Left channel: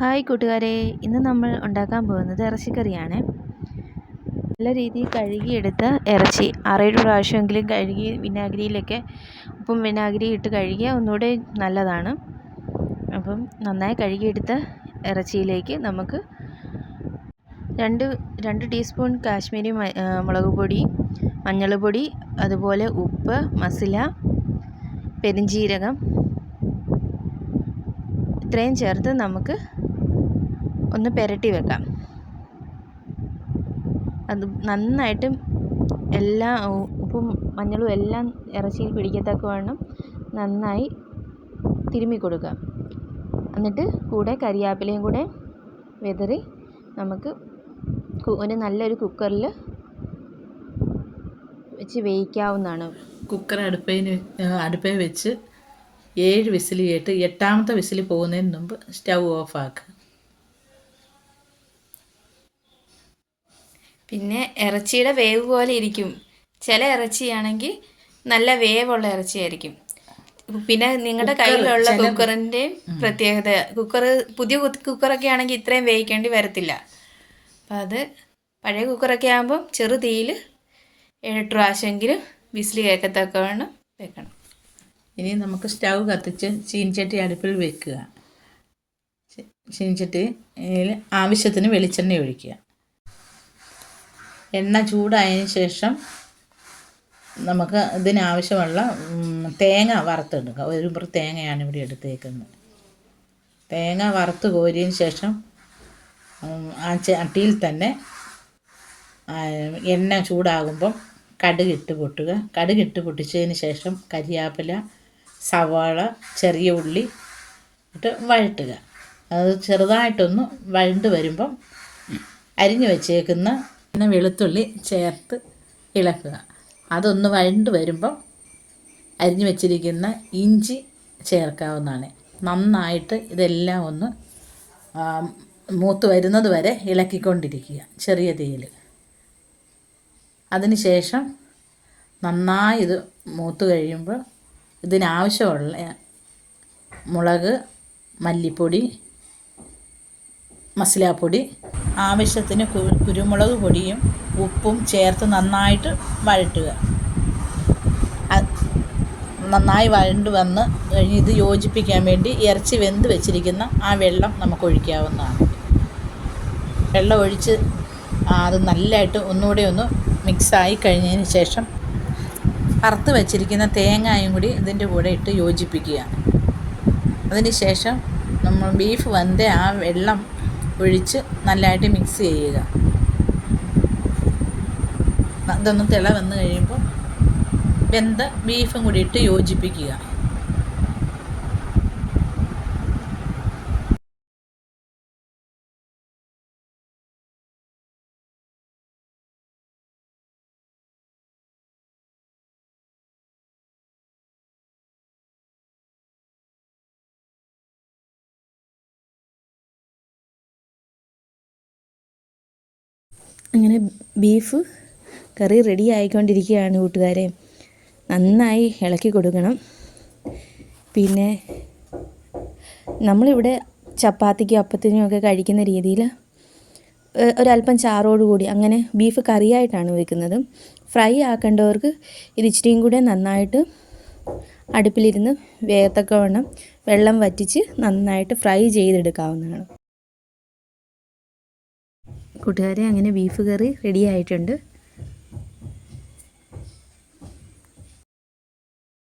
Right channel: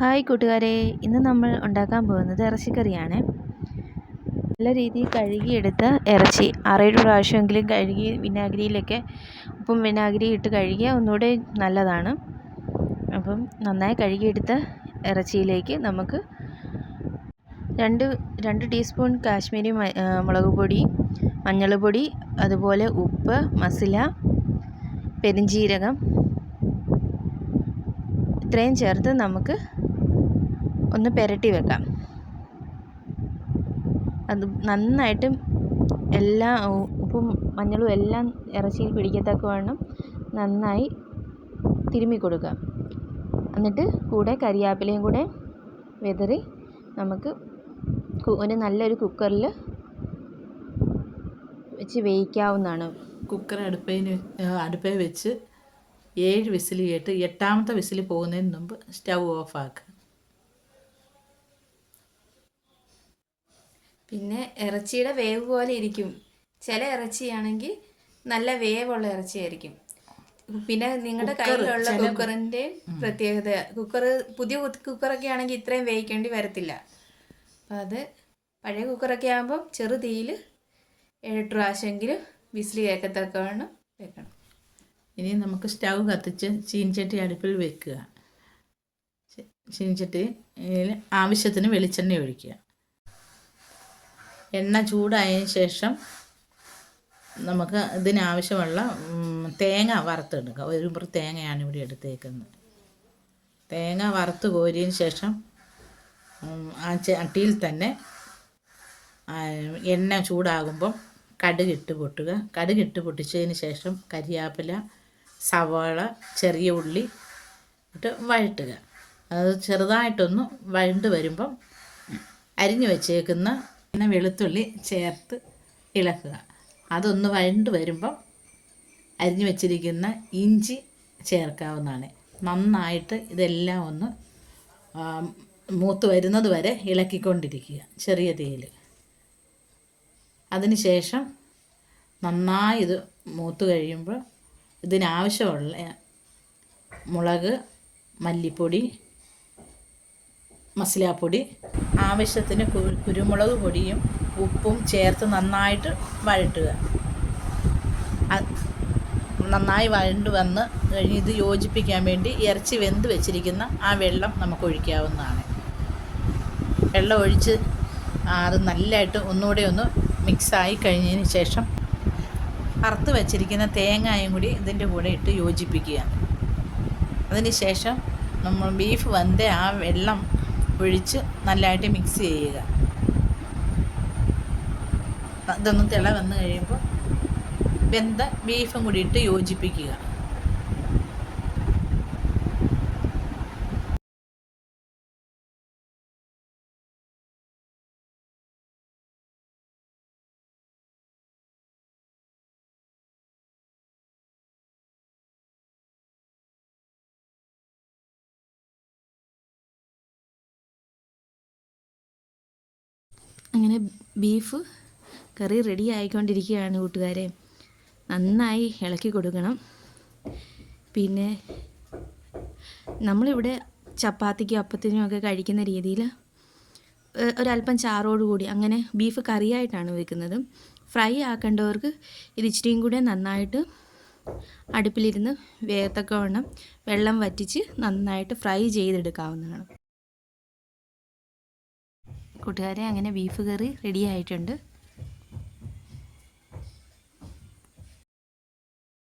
Hi കൂട്ടുകാരെ, ഇന്ന് നമ്മൾ ഉണ്ടാക്കാൻ പോകുന്നത് ഇറച്ചിക്കറിയാണ്. നല്ല രീതിയിൽ കഴുകിയെടുത്ത ഇറച്ചി 6-7 പ്രാവശ്യമെങ്കിലും കഴുകി വിനാഗിരിയിലൊക്കെ ഉപ്പും വിനാഗിരി ഇട്ട് കഴുകിയാൽ ഒന്നുകൂടെ നല്ലതാണ്. അപ്പം നന്നായി കഴുകിയെടുത്ത ഇറച്ചിയിലേക്ക് നമുക്ക് രണ്ട് ടീസ്പൂൺ കാശ്മീരി മുളക് പൊടി, മഞ്ഞൾപ്പൊടി, അതുപോലെ ഉപ്പ്, മസാല, പെരുംജീരകം ഇത്രയും ചേർത്ത് നമുക്ക് ഒന്ന് പുരട്ടി വെക്കാം. അത് നന്നായിട്ട് എല്ലാ ഉപ്പും മഞ്ഞളും എല്ലാം ഇറച്ചിയിൽ പിടിക്കത്തക്കവണ്ണം നന്നായി തിരുമ്മി കൊടുക്കുക. എന്നിട്ട് കൂടെ കരിയാപ്പിലയും കൂടെ വിതറി നമുക്ക് നല്ലൊരു കുക്കറിൽ വെച്ച് വേവിക്കാവുന്നതാണ്. കുക്കർ അടുപ്പേ വെച്ച് 7 വിസിൽ കേട്ട് 8ാമത്തെ വിസിൽ പോകുന്നതിന് മുമ്പ് സ്റ്റൗ ഓഫാക്കുക. പിന്നെ ഇറച്ചിയുടെ വേവ് പോലെ ഇരിക്കും. ചില ഇറച്ചിയാണെങ്കിൽ നല്ല വേവുള്ള ഇറച്ചിയായിരിക്കും. പിന്നെ നിങ്ങളുടെ കയ്യിലുള്ള കുക്കറിൻ്റെ പ്രത്യേകത, പുതിയ കുക്കറൊക്കെ ആണെങ്കിൽ ഇത്രയും വേവിക്കേണ്ടി വരത്തില്ല. അപ്പം അത് പഴയ കുക്കറൊക്കെ ആകുമ്പം ചെറു തീയിൽ 7-8 പ്രാവശ്യമെങ്കിലും വിസിൽ കേൾക്കത്തക്കവണ്ണം വെക്കണം. ഇനി നമുക്ക് സ്റ്റൗ കത്തിച്ച് ചീനിച്ചട്ടി അടുപ്പിൽ വെക്കുക. ചീനിച്ചട്ടിയിൽ ആവശ്യത്തിന് വെളിച്ചെണ്ണ ഒഴിക്കുക. എണ്ണ ചൂടായതിന് ശേഷം നമുക്ക് ഇതിനാവശ്യമുള്ള തേങ്ങ വറുത്തെടുക്കുക. 1 മുറി തേങ്ങയാണ് ഇവിടെ എടുത്തേക്കുന്നത്. തേങ്ങ വറുത്ത് കോരിയതിന് ശേഷം ആ ചട്ടിയിൽ തന്നെ എണ്ണ ചൂടാകുമ്പം കടുകിട്ട് പൊട്ടുക. കടുകിട്ട് പൊട്ടിച്ചതിന് ശേഷം കരിയാപ്പില, സവാള, ചെറിയ ഉള്ളി ഇട്ട് വഴട്ടുക. അത് ചെറുതായിട്ടൊന്ന് വഴണ്ട് വരുമ്പം അരിഞ്ഞു വെച്ചേക്കുന്ന വെളുത്തുള്ളി ചേർത്ത് ഇളക്കുക. അതൊന്ന് വഴണ്ട് വരുമ്പം അരിഞ്ഞു വെച്ചിരിക്കുന്ന ഇഞ്ചി ചേർക്കാവുന്നതാണ്. നന്നായിട്ട് ഇതെല്ലാം ഒന്ന് മൂത്ത് വരുന്നത് വരെ ഇളക്കിക്കൊണ്ടിരിക്കുക ചെറിയ തീയിൽ. അതിന് ശേഷം നന്നായി ഇത് മൂത്ത് കഴിയുമ്പോൾ ഇതിനാവശ്യമുള്ള മുളക്, മല്ലിപ്പൊടി, മസാലപ്പൊടി, ആവശ്യത്തിന് കുരുമുളക് പൊടിയും ഉപ്പും ചേർത്ത് നന്നായിട്ട് വഴട്ടുക. നന്നായി വഴണ്ട് വന്ന് കഴിഞ്ഞ് ഇത് യോജിപ്പിക്കാൻ വേണ്ടി ഇറച്ചി വെന്ത് വെച്ചിരിക്കുന്ന ആ വെള്ളം നമുക്ക് ഒഴിക്കാവുന്നതാണ്. വെള്ളം ഒഴിച്ച് അത് നല്ലതായിട്ട് ഒന്നുകൂടെ ഒന്ന് മിക്സായി കഴിഞ്ഞതിന് ശേഷം വറുത്ത് വെച്ചിരിക്കുന്ന തേങ്ങയും കൂടി ഇതിൻ്റെ കൂടെ ഇട്ട് യോജിപ്പിക്കുക. അതിന് ശേഷം നമ്മൾ ബീഫ് വെന്ത ആ വെള്ളം ഒഴിച്ച് നല്ലതായിട്ട് മിക്സ് ചെയ്യുക. ഇതൊന്ന് തിള വന്ന് കഴിയുമ്പോൾ വെന്ത ബീഫും കൂടി ഇട്ട് യോജിപ്പിക്കുക. അങ്ങനെ ബീഫ് കറി റെഡി ആയിക്കൊണ്ടിരിക്കുകയാണ് കൂട്ടുകാരെ. നന്നായി ഇളക്കി കൊടുക്കണം. പിന്നെ നമ്മളിവിടെ ചപ്പാത്തിക്കും അപ്പത്തിനും ഒക്കെ കഴിക്കുന്ന രീതിയിൽ ഒരല്പം ചാറോടുകൂടി അങ്ങനെ ബീഫ് കറിയായിട്ടാണ് വെക്കുന്നത്. ഫ്രൈ ആക്കേണ്ടവർക്ക് ഇത് ഇച്ചിരിയും കൂടെ നന്നായിട്ട് അടുപ്പിലിരുന്ന് വേഗത്തക്കവണ്ണം വെള്ളം വറ്റിച്ച് നന്നായിട്ട് ഫ്രൈ ചെയ്തെടുക്കാവുന്നതാണ്. കൂട്ടുകാരെ, അങ്ങനെ ബീഫ് കറി റെഡി ആയിട്ടുണ്ട്.